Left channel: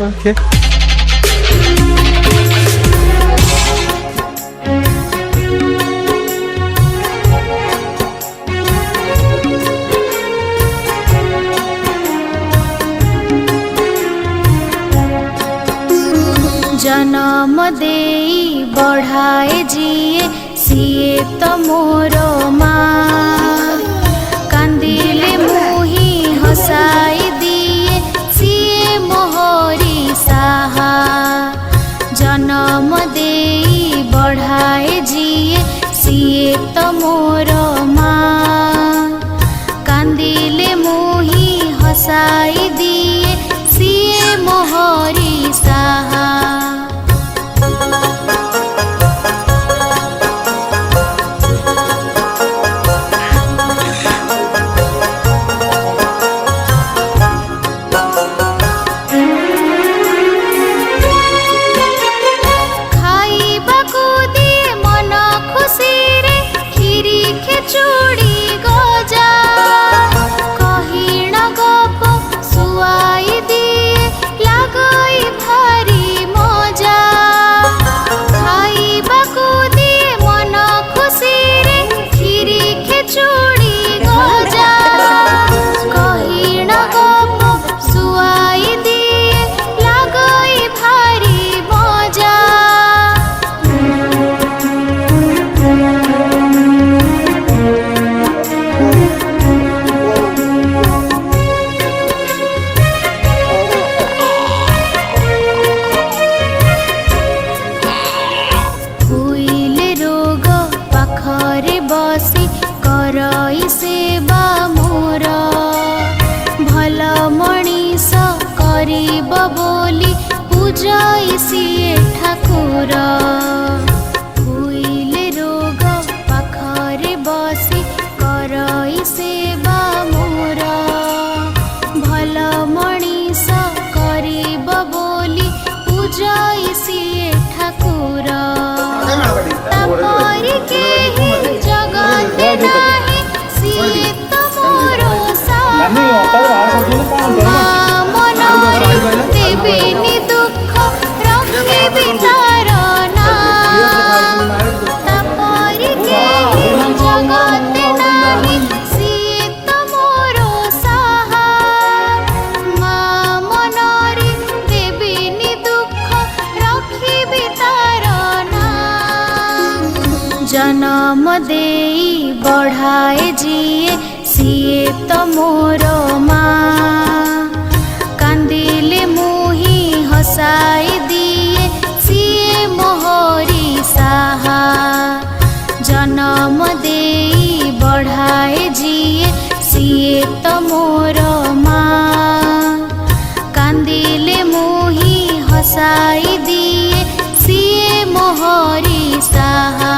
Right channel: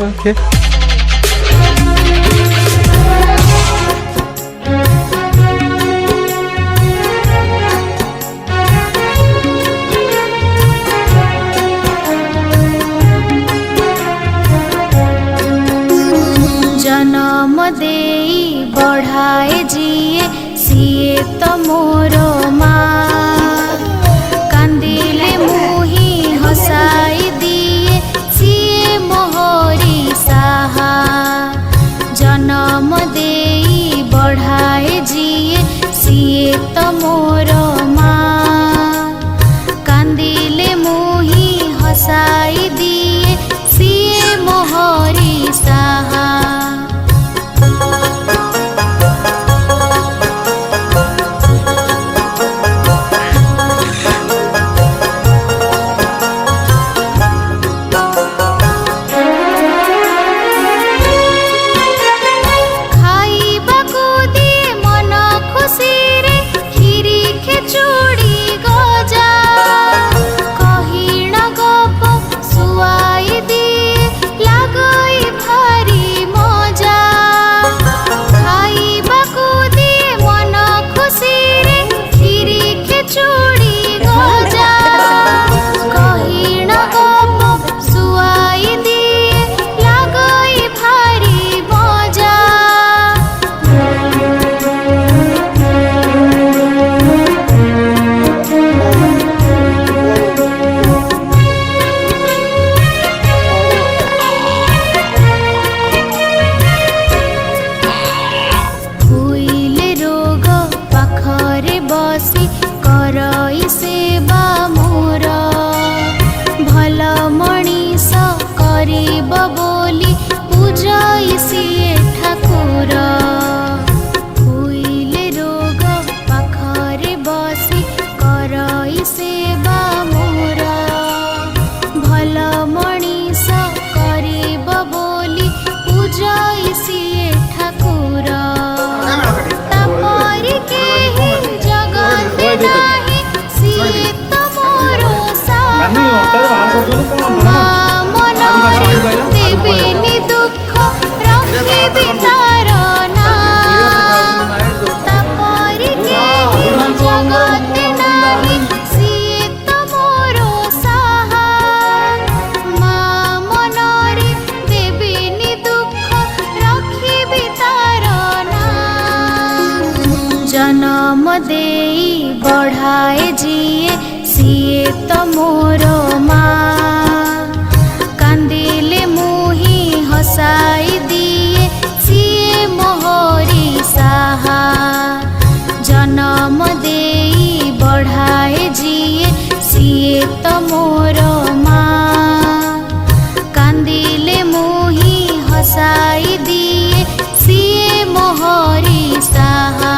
Okay जन्म देई बढ़ाए जिए सिए तो मोर माँ कांदिले मुही हसाई दिए सिए मोहरी साहा जन्म देई बढ़ाए जिए सिए तो मोर माँ कांदिले मुही हसाई दिए सिए मोहरी साहा खाइबाकू दिए मन खुशी रे खीरी खेचुड़ी गजा कहिण गप सुआई दिए लागई भारी मजा खाइबाकू दिए मन खुशी रे खीरी खेचुड़ी गजा कहिण गप सुआई दिए लागई भारी मजा हुइले रोग पाखरे बसी करई सेवा मोर भल मणिष करिब बोली पूजई सिए ठाकुर हुइले रोग पाखरे बसी करई सेवा मोर भल मणिष करिब बोली पूजई सिए ठाकुर तापरि केहि जगते नाही सिए तो मोरो साहा माँ मनरे देबेनि दुख रखिबि तार नाम तापरि केहि जगते नाही सिए तो मोरो साहा माँ मनरे देबेनि दुख रखिबि तार नाम जन्म देई बढ़ाए जिए सिए तो मोर माँ कांदिले मुही हसाई दिए सिए मोहरी साहा जन्म देई बढ़ाए जिए सिए तो मोर माँ कांदिले मुही हसाई दिए सिए मोहरी साहा।